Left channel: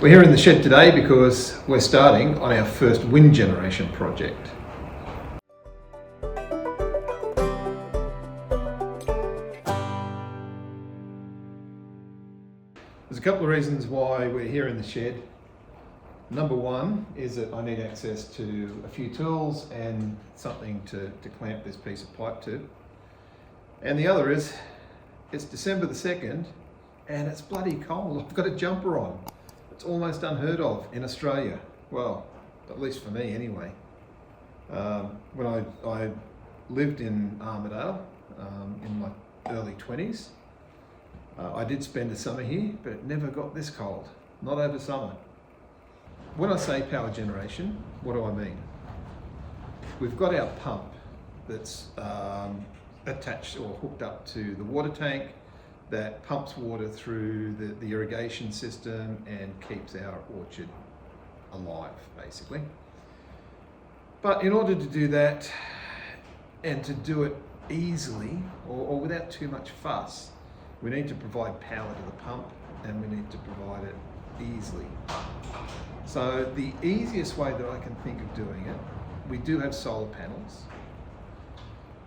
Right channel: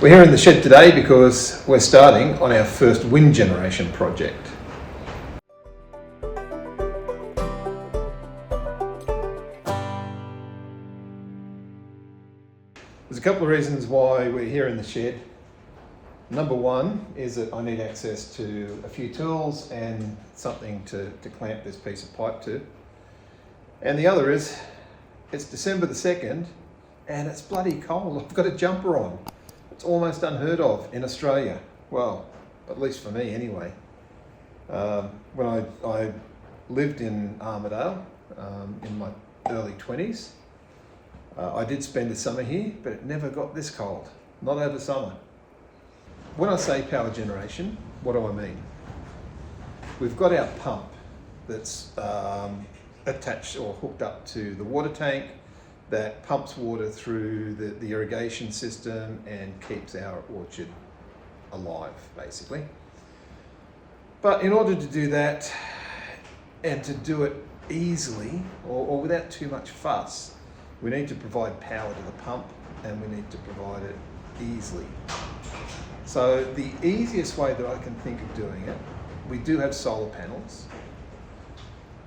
We're here in the shed today because we're starting on our first wind generation project. There's a couple of reasons why we're here in the shed. Number one is that I need access to a few tools and something to clamp this piece of pipe to. And the other is, it's December the 2nd and it's bloody cold. I've got a jumper on. It's almost unheard of in Australia. Well, at least for me anyway. When I lived in Armidale in my early 20s, I did spend a summer here, but it never got this cold, not over summer. When I say power generation, what do I mean? We've got our pump that's attached or hooked up to the water tank that pumps water through the irrigation system and keeps our orchard alive, basically. But in order to do that, and to do it easily or without too much fuss, we need to provide power to the pump and we need to provide it easily. So the easiest way that I can think of doing it, we do have solar panels,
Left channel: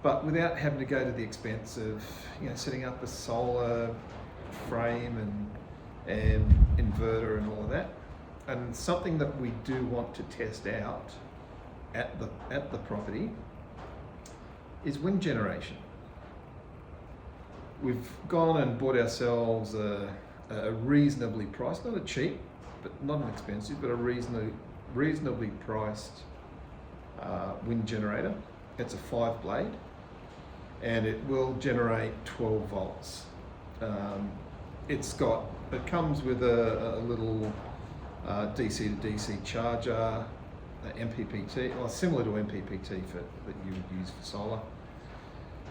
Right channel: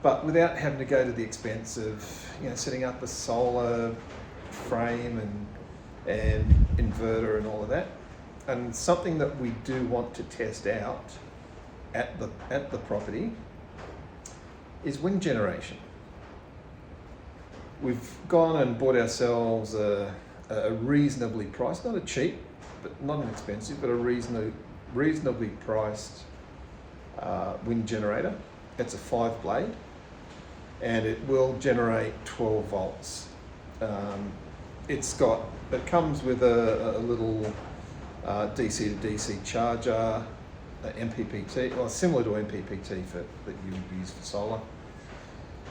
but without having to go to the expense of setting up a solar frame and inverter and all of that. And something that we do want to test out at the property is wind generation. We've gone and bought ourselves a reasonably priced, not a cheap, but not an expensive, but a reasonably priced wind generator. It's a 5-blade and it will generate 12 volts. It comes with a little DC to DC charger, MPPT, or similar to MPPT that you would use for solar.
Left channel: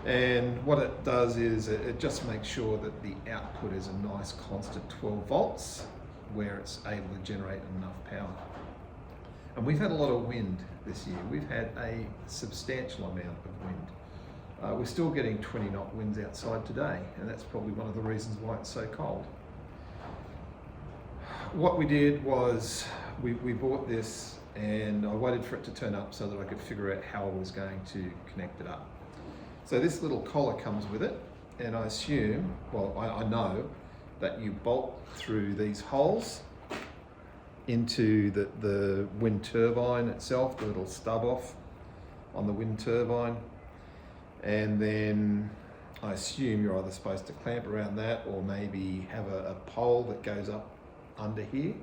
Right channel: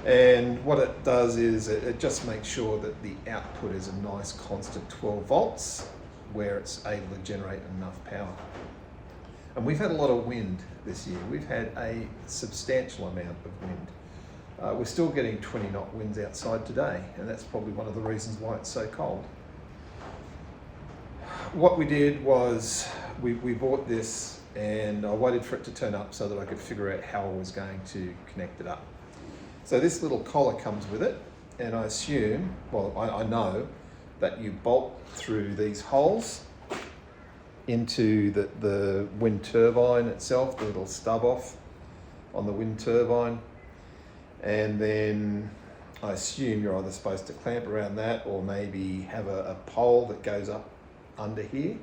And what it does is it just makes sure that the output is a nice constant 12 volts where it's able to generate enough power. And we've had a lot of wind this year. We've had a substantial amount of wind. We're still getting 20 knot winds outside today, and that's probably one of the reasons why it's so cold. What we did was we bought this and I waited for it to turn up so that I could figure out how I was going to connect it up. So this little collar comes with it, and I assume, well, I know that you bolt through these holes into the wind turbine itself, the little stub off on the wind turbine. And then I assume you're either supposed to clamp around that or maybe have a pole that goes up under here.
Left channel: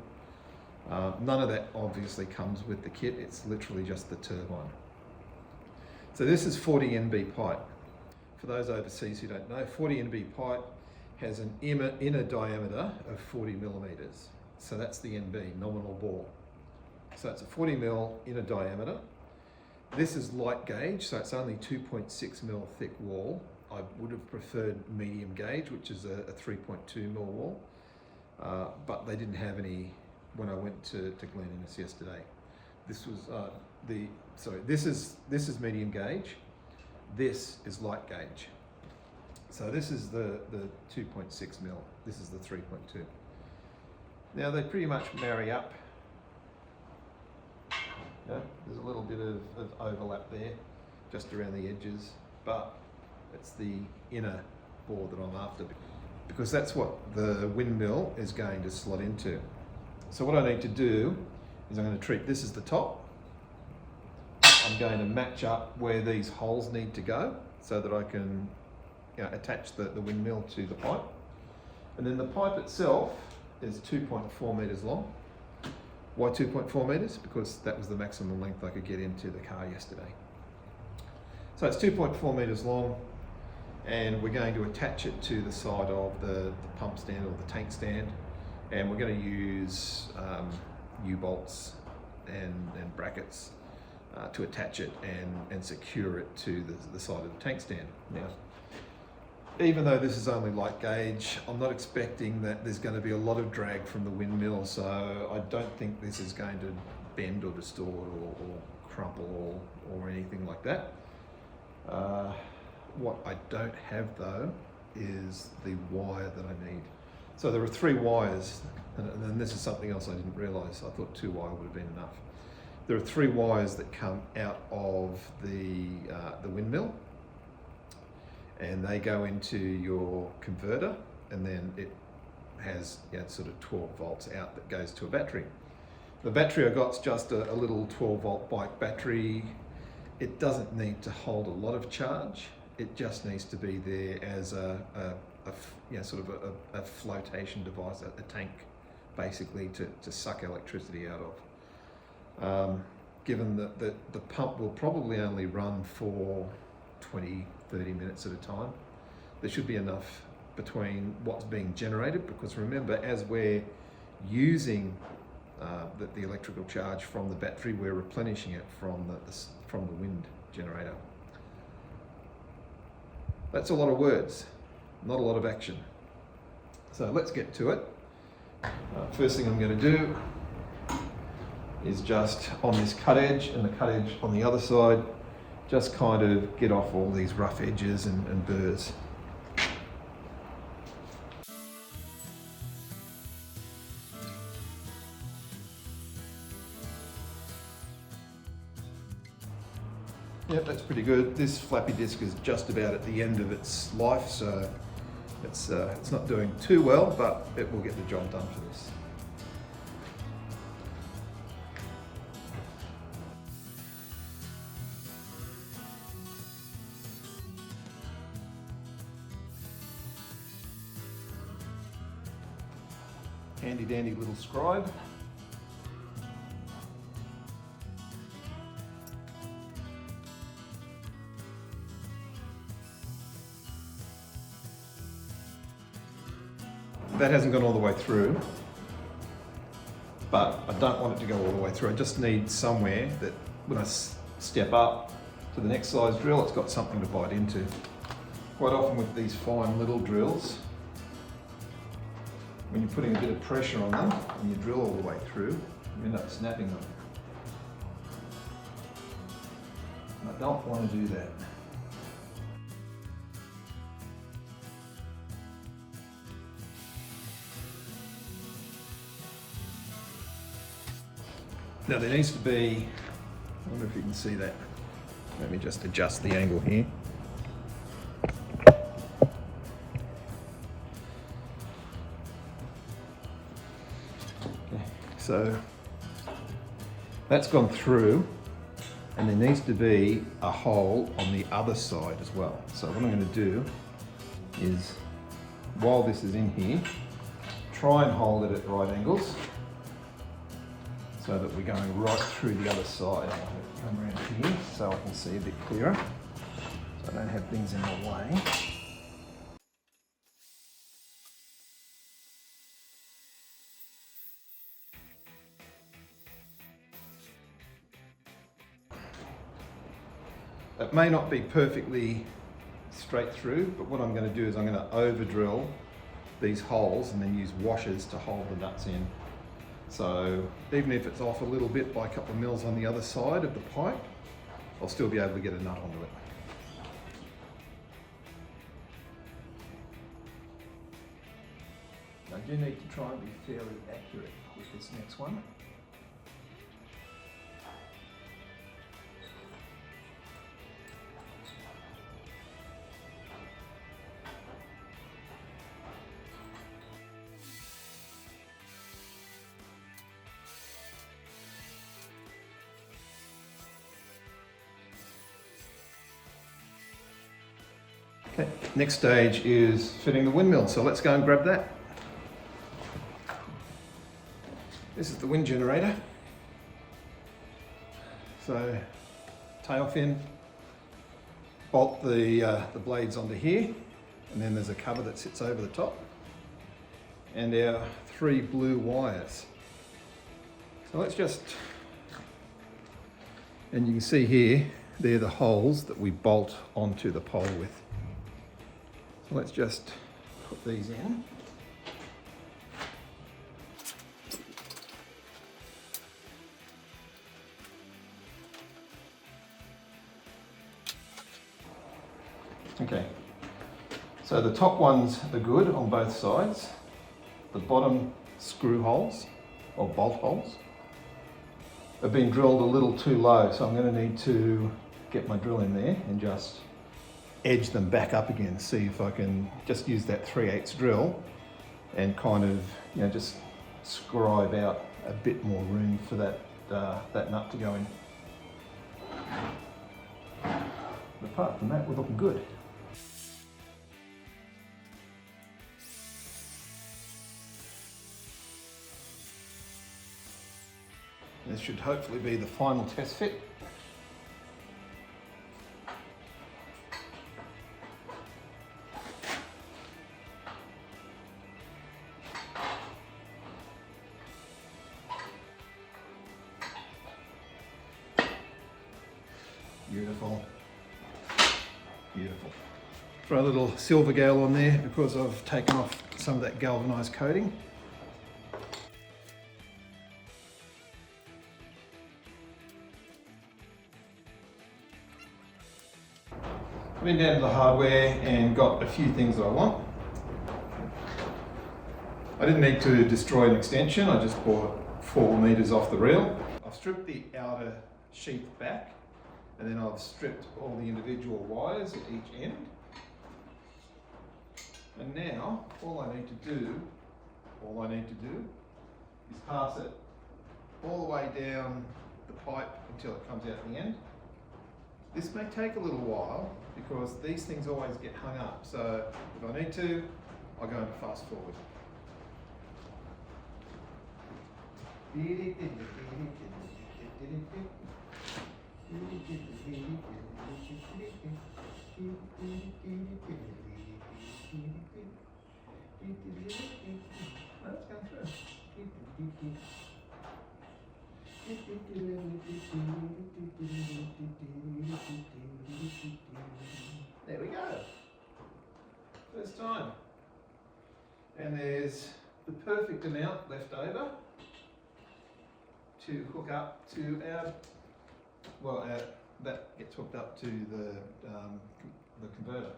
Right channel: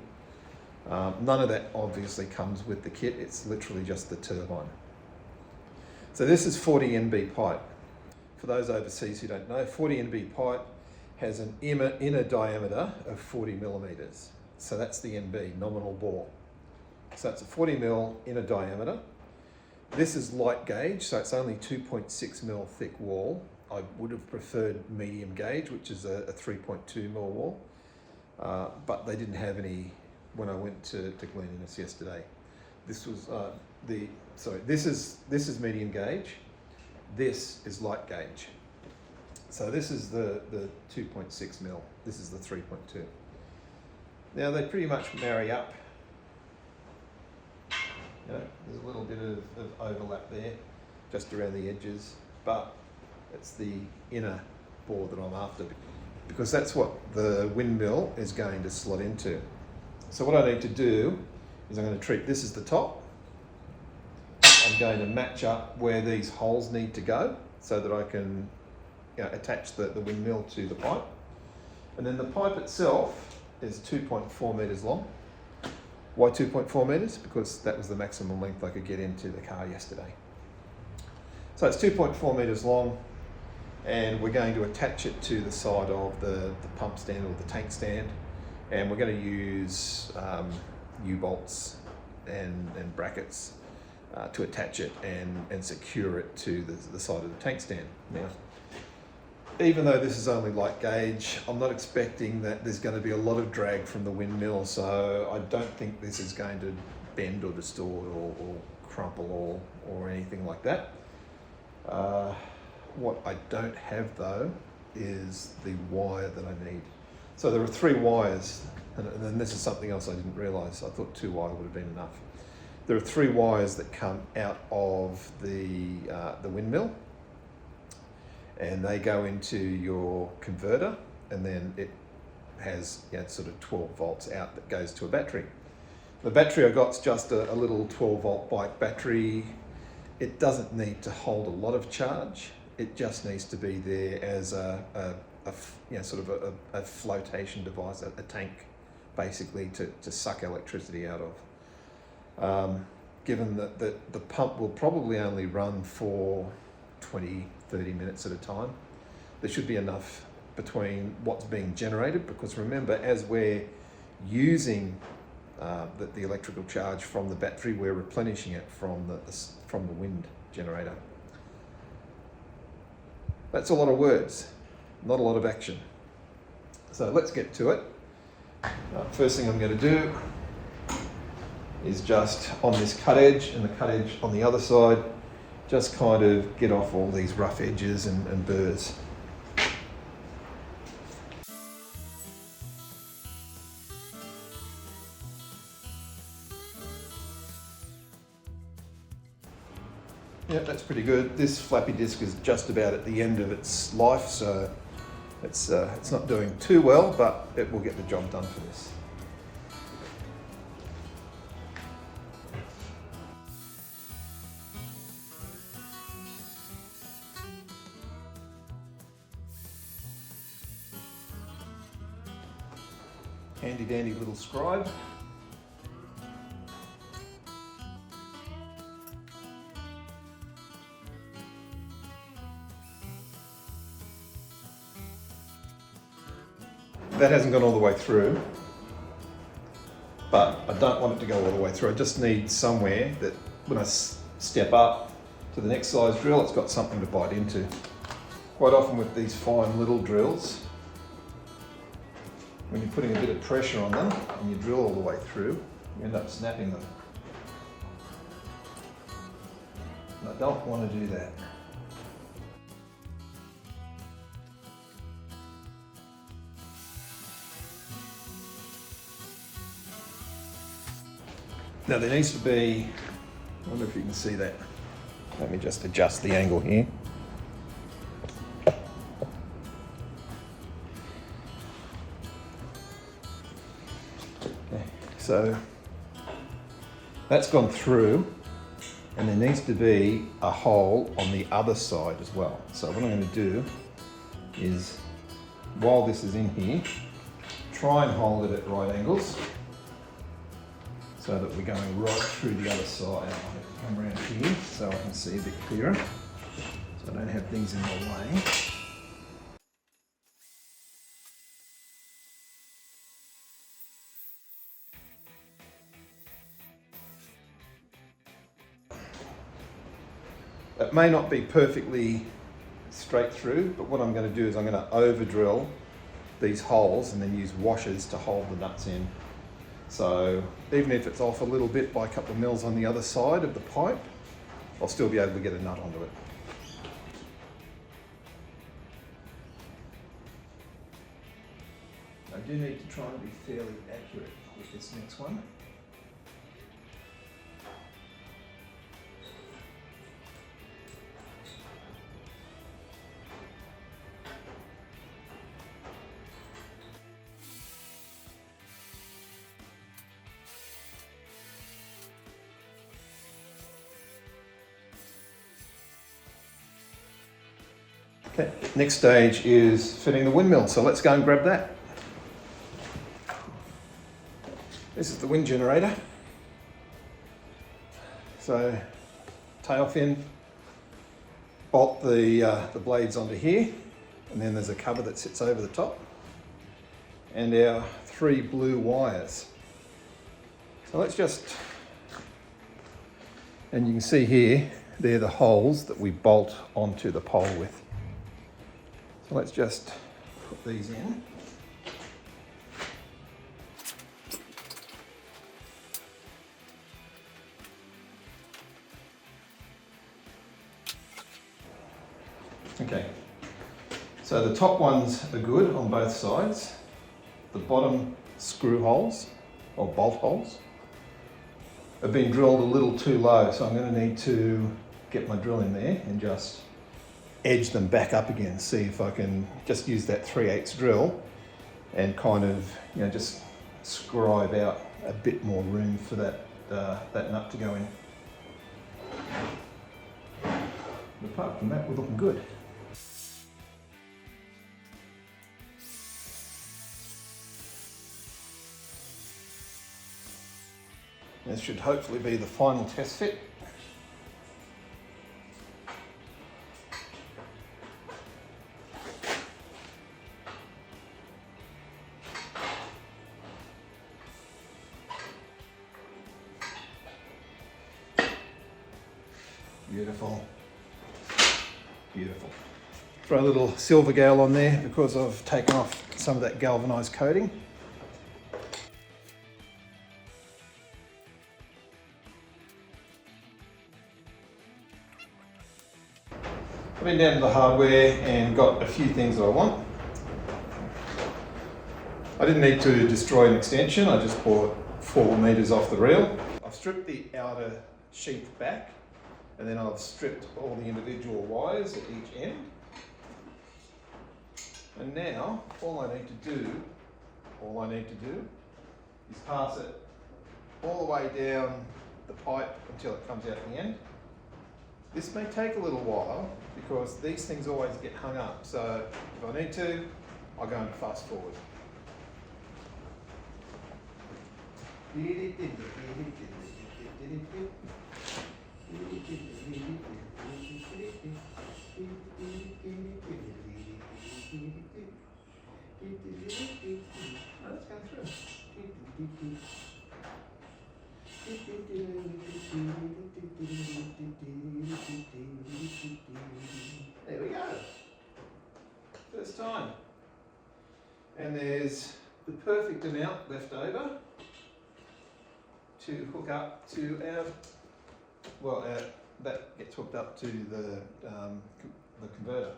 None of that obviously comes with the kit, it's literally just the turbine. So this is 40 NB pipe. For those overseas who don't know, 40 NB pipe has an inner diameter of 40 millimeters. So that's the NB, nominal bore. So it's a 40 mil inner diameter. This is light gauge, so it's only 2.6 mil thick wall. I would have preferred medium gauge, which is a 3.2 mil wall, but they didn't have any when I went to Glen Innes yesterday. This was this is medium gauge. This is light gauge. So this is the 2.6 mil. This is the 3.2. Now they pretty much marry up. There's a little bit of overlap there, just around the edges, but it's the inner bore that I'm after, because that's what the windmill is going to slot into. So what I need to do is I'm going to treat this as the top. I'm going to match up where these holes need to go so that I can attach the windmill to the pipe. And then the pipe itself is 2.4 meters long. Why 2.4 meters? Because that was the maximum length I could get into the car yesterday. So it's 2.4 meters long, and we're going to attach it to the side of the pump stand or the tank stand, and we're going to use U-bolts and brackets to attach it and secure it to the side of the tank stand. Now, even though this is only light gauge, I'm not expecting that there's going to be a lot of drag from the windmill, so I don't think this is going to bend or distort or crumple or anything like that. What I don't have though is the wire that I need. So there are 3 wires, and this is something else I didn't realise. I thought 2 wire would have been enough. There are 3 wires that come out of the windmill, and they go into your converter, and then it has sort of 12 volts out that goes to a battery. The battery I got's just a little 12 volt bike battery. It doesn't need to hold a lot of charge. It just needs to be there as a flotation device, a tank basically to suck electricity out of. Given that the pump will probably only run for 20-30 minutes at a time, there should be enough between what's being generated, because remember, as we're using the electrical charge from the battery, we're replenishing it from the wind generator. That's a lot of words, not a lot of action. So let's get to it. First thing I'm going to do is just on this cut edge and the cut edge on the other side, just kind of get off all these rough edges and burrs. Yep, that's pretty good. This flappy disc is just about at the end of its life, so it's not doing too well, but it will get the job done for this. Handy dandy little scribe. That hasn't gone all the way through, but I don't want it to go all the way through. I just need somewhere that when I step up to the next size drill, it's got something to bite into. Quite often with these fine little drills, when you're putting a bit of pressure on them and you drill all the way through, you end up snapping them. And I don't want to do that. Now there needs to be, I wonder if you can see that. Let me just adjust the angle here. Okay, so that's gone through, and there needs to be a hole on the other side as well. So what I'm going to do is, while this is in here, try and hold it at right angles, so that we're going right through the other side. I'll come around here so I can see a bit clearer, so I don't have things in my way. It may not be perfectly straight through, but what I'm going to do is I'm going to over drill these holes and then use washers to hold the nuts in. So even if it's off a little bit by a couple of mils on the other side of the pipe, I'll still be able to get a nut onto it. I do need to try and be fairly accurate with this next one. Okay, next stage is fitting the windmill, so let's go and grab that. This is the wind generator. So tail fin, bolt the blades onto here, and then there's a cover that sits over the top, and our 3 blue wires. So let's just, and you can see here, they're the holes that we bolt onto the pole with. So let's just put these in. Okay, so the top ones are good on both sides. the bottom screw holes or bolt holes have been drilled a little too low, so I'm going to need to get my drill in there and just edge them back up again. See if I can just use that 3/8 drill and kind of, just scribe out a bit more room for that nut to go in. But apart from that, we're looking good. This should hopefully be the final test fit. Beautiful, beautiful. Throw a little silver gale on there because I've taken off some of that galvanized coating. I've been down to the hardware and got a few things that I want. I didn't need to destroy an extension, I just bought 4 meters off the reel. I've stripped the outer sheath back, and then I've stripped all the individual wires at each end. And now all I need to do is pass it all the way down the pipe until it comes out the end. This may take a little while because these things always get hung up, so if I need to, I'll go and fast forward. Let's go through. There we go. First time. And there's the perfect amount left over to hook up to that gets hooked up to the converter.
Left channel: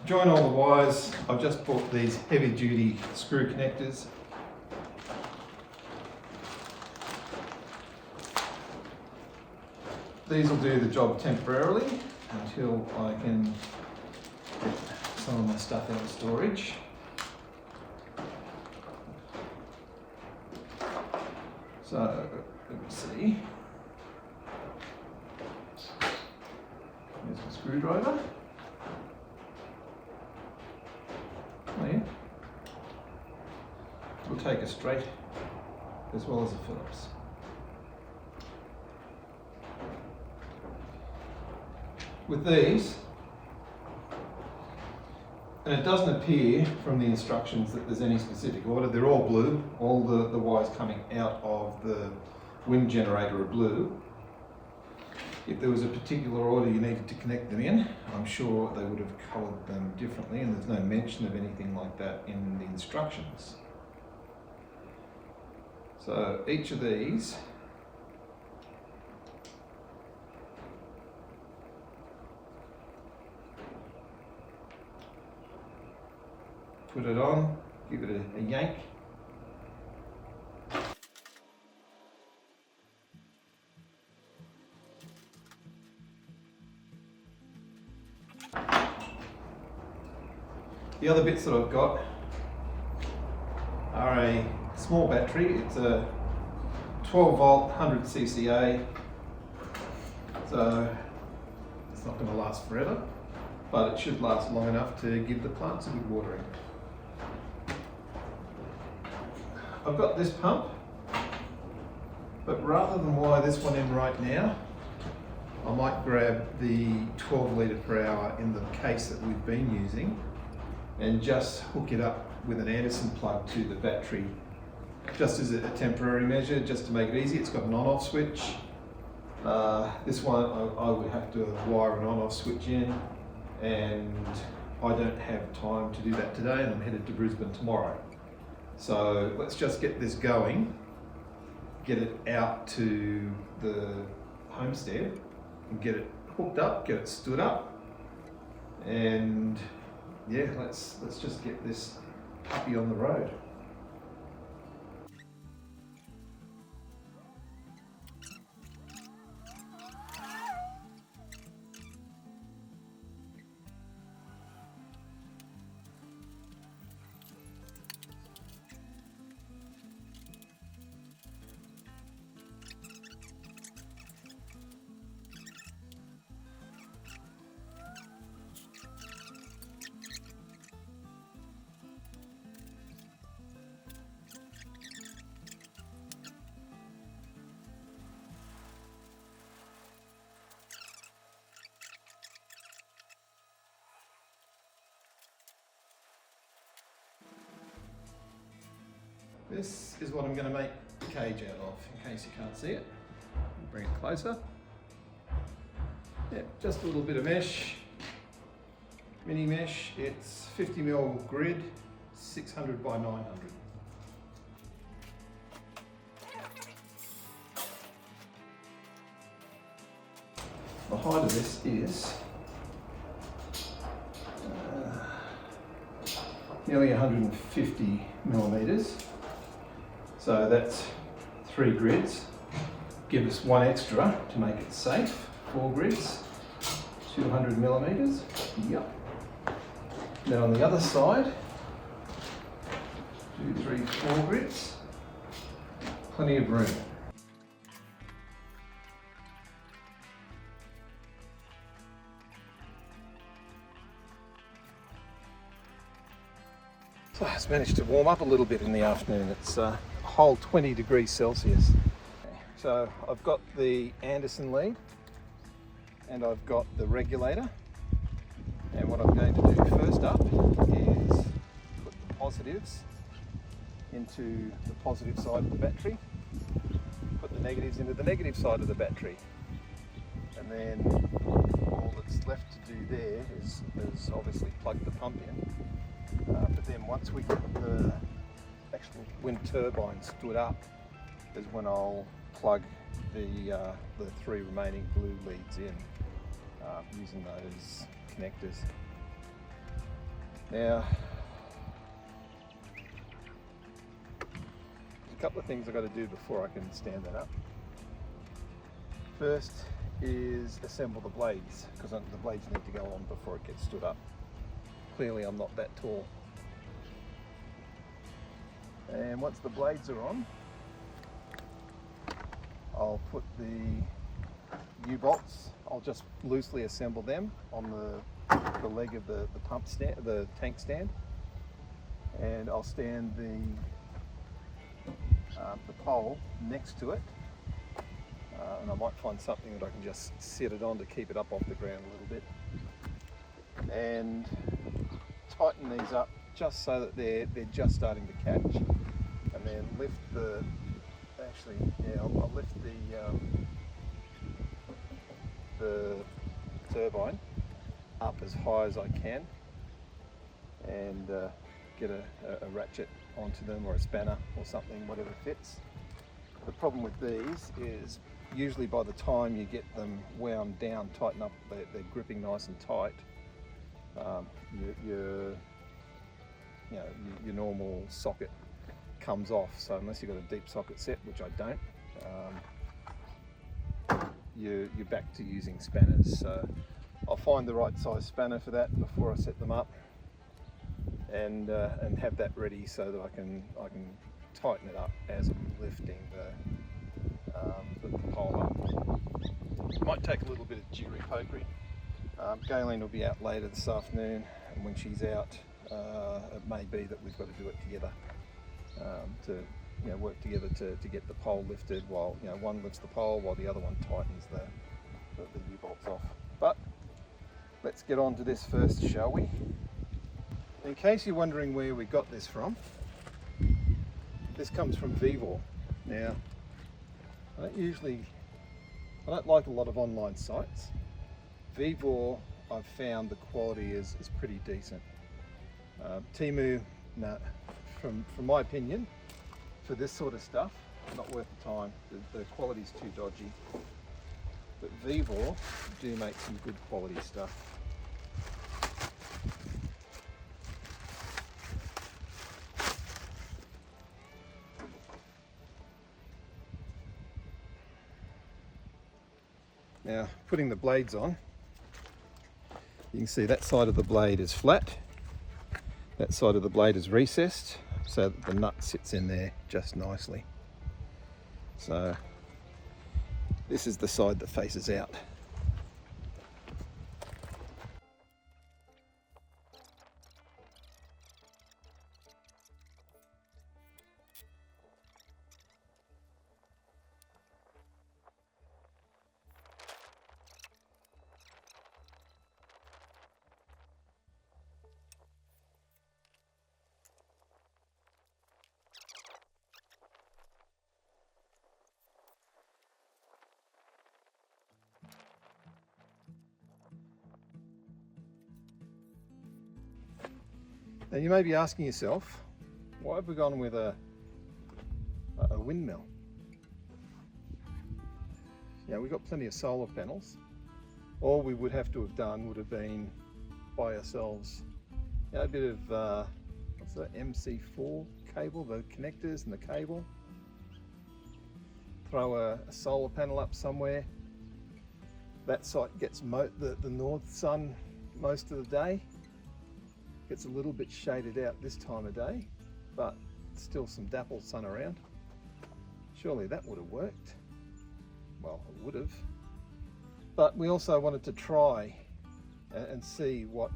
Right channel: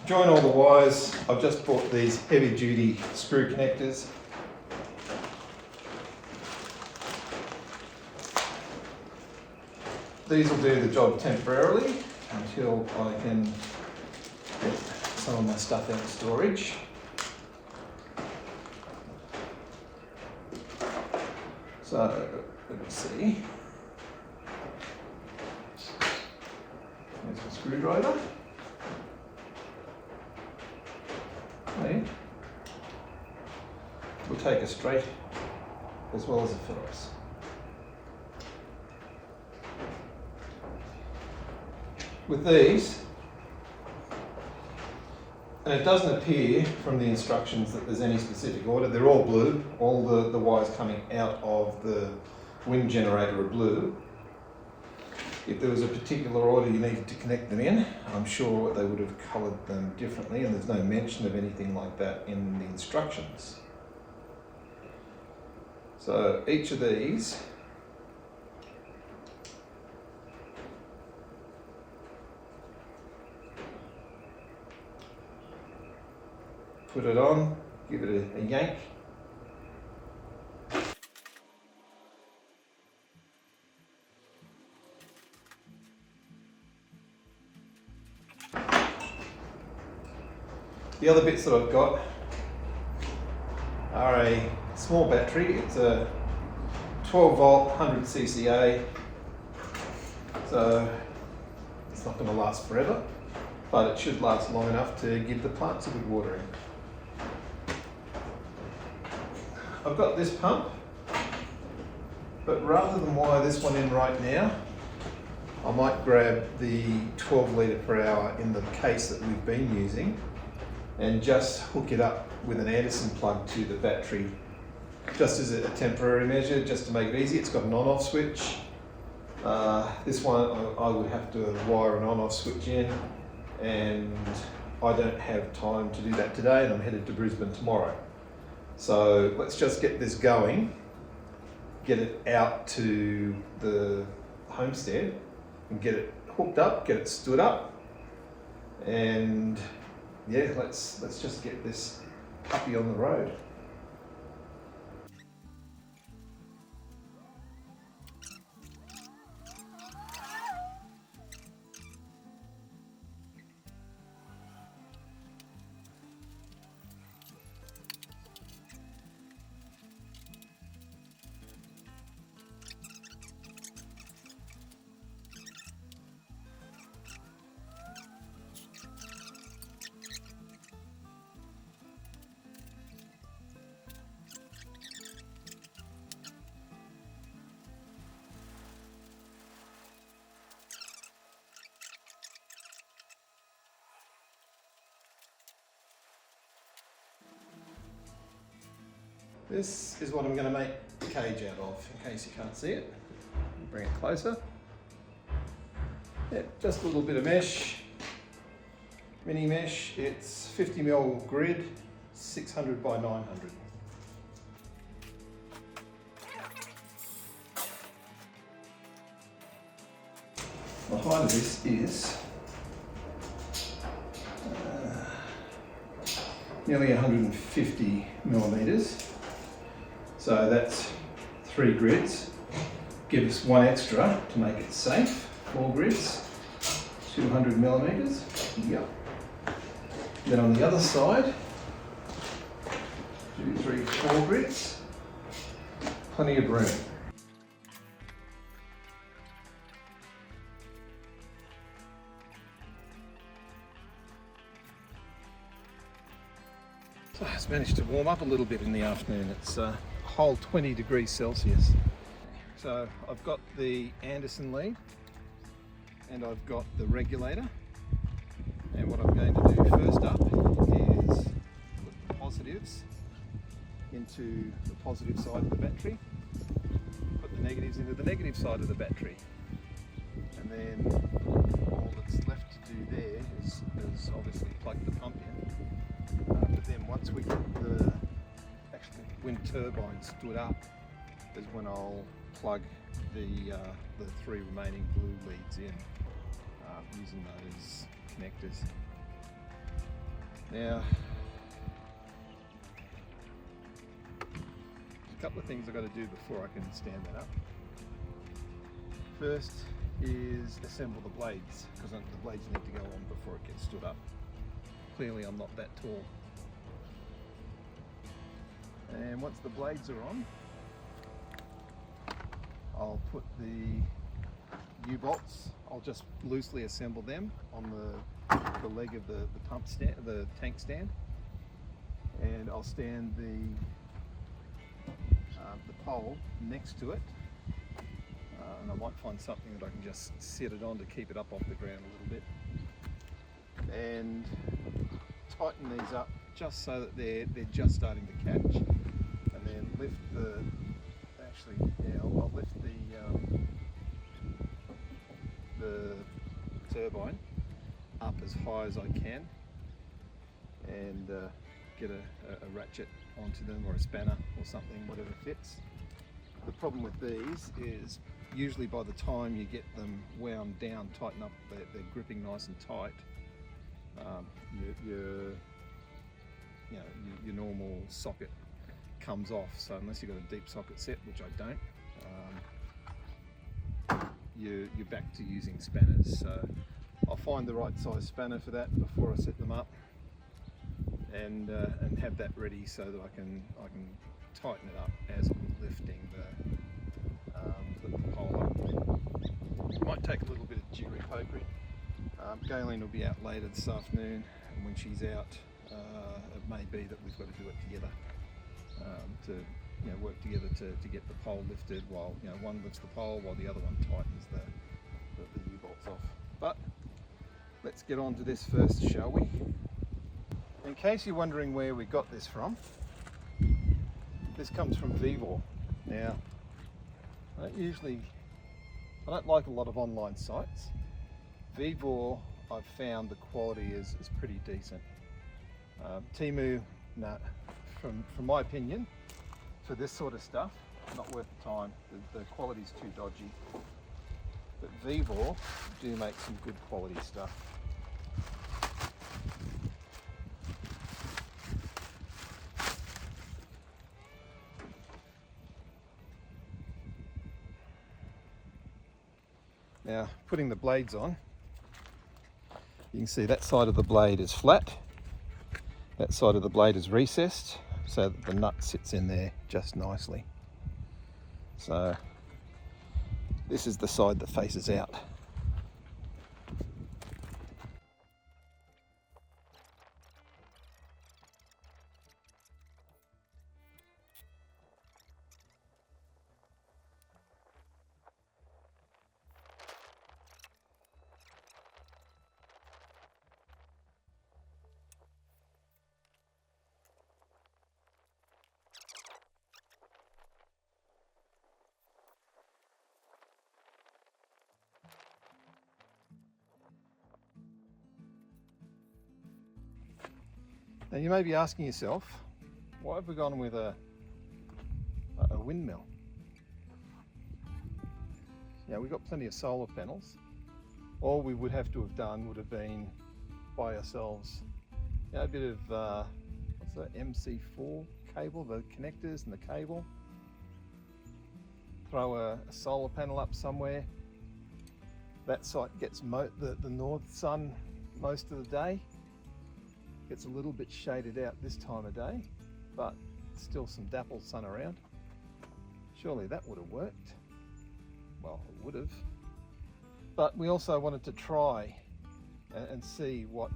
To join all the wires, I've just bought these heavy duty screw connectors. These will do the job temporarily until I can get some of my stuff out of storage. So, let me see. There's my screwdriver. Okay. We'll take a straight as well as a Phillips. With these, and it doesn't appear from the instructions that there's any specific order, they're all blue, all the wires coming out of the wind generator are blue. If there was a particular order you needed to connect them in, I'm sure they would have coloured them differently, and there's no mention of anything like that in the instructions. So each of these put it on, give it a yank. The other bits that I've got are a small battery. It's a 12 volt 100 cca, so it's not going to last forever, but it should last long enough to give the plants a good watering. I've got this pump, but rather than wire this one in right now, I might grab the 12 litre per hour in the case that we've been using and just hook it up with an Anderson plug to the battery, just as a temporary measure, just to make it easy. It's got an on-off switch. This one I would have to wire an on-off switch in, and I don't have time to do that today, and I'm headed to Brisbane tomorrow. So let's just get this going, get it out to the homestead and get it hooked up, get it stood up, and yeah, let's just get this puppy on the road. this is what I'm going to make the cage out of, in case you can't see it. Bring it closer. Yeah, just a little bit of mesh, mini mesh. It's 50mm grid, 600 by 900. The height of this is nearly 150mm, so that's 3 grids. Give us 1 extra to make it safe, 4 grids, 200mm. Yep. Then on the other side, 2, 3, 4 grids, plenty of room. So it's managed to warm up a little bit in the afternoon. It's a whole 20 degrees Celsius. So I've got the Anderson lead and I've got the regulator. And what I'm going to do first up is put the positives into the positive side of the battery, put the negatives into the negative side of the battery. And then all that's left to do there is obviously plug the pump in. But then once we get the actual wind turbine stood up is when I'll plug the 3 remaining blue leads in using those connectors. Now, a couple of things I've got to do before I can stand that up. First is assemble the blades, because the blades need to go on before it gets stood up. Clearly I'm not that tall. And once the blades are on, I'll put the U-bolts, I'll just loosely assemble them on the leg of the pump stand, the tank stand, and I'll stand the pole next to it, and I might find something that I can just set it on to keep it up off the ground a little bit, and tighten these up just so that they're just starting to catch, and then lift the, I'll lift the turbine up as high as I can and get a ratchet onto them, or a spanner or something, whatever fits. The problem with these is usually by the time you get them wound down, tighten up, they're gripping nice and tight. Your normal socket comes off, so unless you've got a deep socket set, which I don't, you're back to using spanners. So I'll find the right size spanner for that before I set them up, and have that ready so that I can tighten it up as I'm lifting the pole up. It might take a little bit of jiggery pokery. Galen will be out later this afternoon, and when she's out, it may be that we've got to do it together, to work together to get the pole lifted, while one lifts the pole while the other one tightens the U-bolts off. But let's get on to this first, shall we? In case you're wondering where we got this from, this comes from VEVOR. Now, I don't like a lot of online sites. VEVOR, I've found the quality is pretty decent. Temu, no, from my opinion, for this sort of stuff, not worth the time. The quality's too dodgy. But VEVOR do make some good quality stuff. Now, putting the blades on, you can see that side of the blade is flat, that side of the blade is recessed, so that the nut sits in there just nicely. So this is the side that faces out. Now you may be asking yourself, why have we gone with a windmill? Yeah, we've got plenty of solar panels. All we would have to have done would have been buy ourselves, you know, a bit of what's the MC4 cable, the connectors and the cable. Throw a solar panel up somewhere. That site gets the north sun most of the day. Gets a little bit shaded out this time of day, but still some dappled sun around. Surely that would have worked. Well, it would have. But we also wanted to try and see what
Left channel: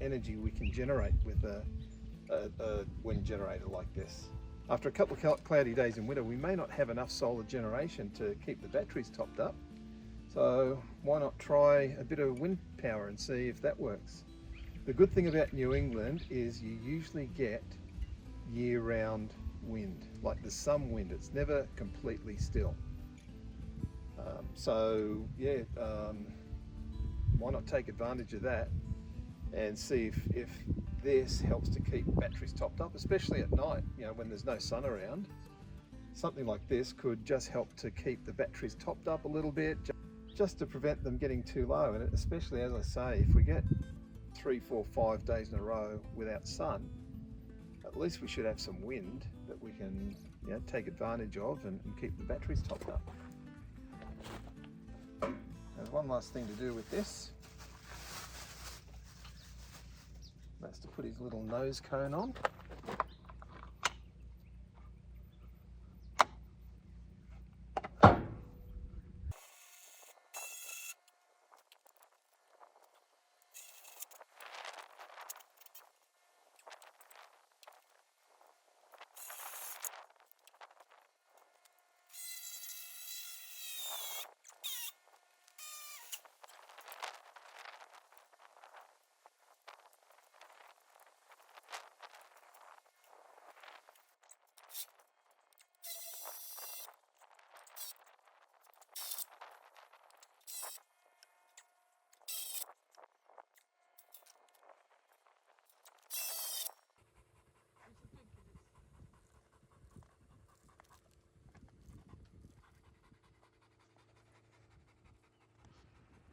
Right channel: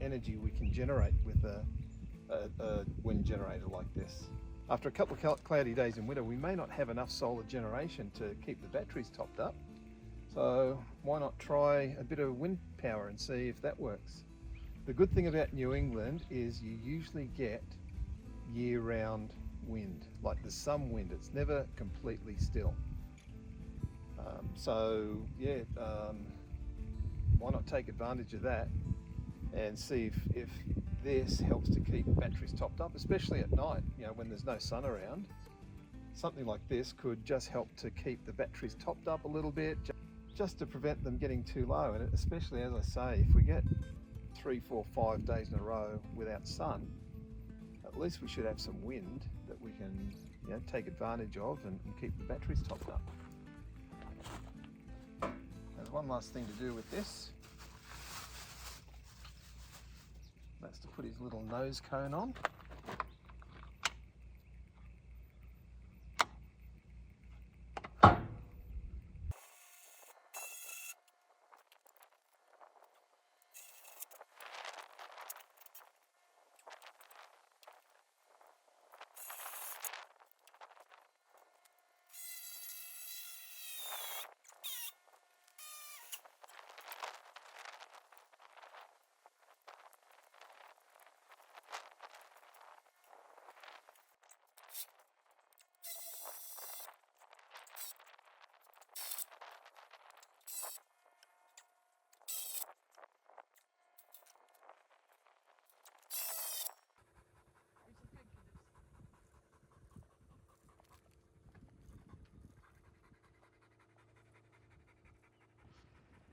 energy we can generate with a wind generator like this. After a couple of cloudy days in winter, we may not have enough solar generation to keep the batteries topped up. So why not try a bit of wind power and see if that works? The good thing about New England is you usually get year-round wind. Like there's some wind, it's never completely still. Why not take advantage of that and see if this helps to keep batteries topped up, especially at night, you know, when there's no sun around. Something like this could just help to keep the batteries topped up a little bit, just to prevent them getting too low. And especially, as I say, if we get 3, 4, 5 days in a row without sun, at least we should have some wind that we can, you know, take advantage of and keep the batteries topped up. There's one last thing to do with this. That's to put his little nose cone on.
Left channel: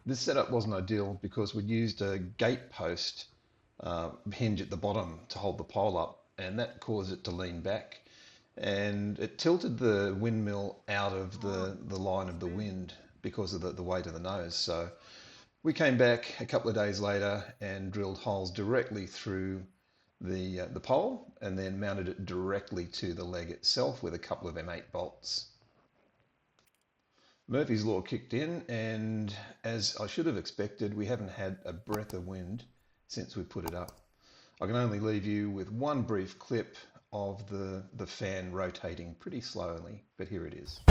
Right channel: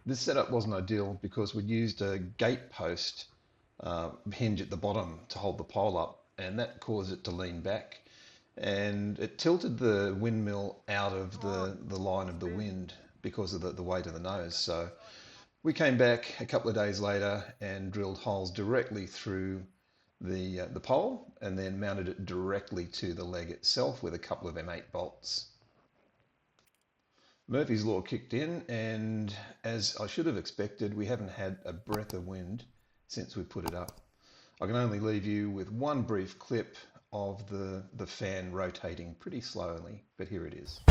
This setup wasn't ideal because we'd used a gate post hinge at the bottom to hold the pole up, and that caused it to lean back, and it tilted the windmill out of the line of the wind because of the weight of the nose. So we came back a couple of days later and drilled holes directly through the pole and then mounted it directly to the leg itself with a couple of M8 bolts. Murphy's Law kicked in, and as I should have expected, we haven't had a breath of wind since we put it up. I can only leave you with one brief clip of the fan rotating pretty slowly, but here it is.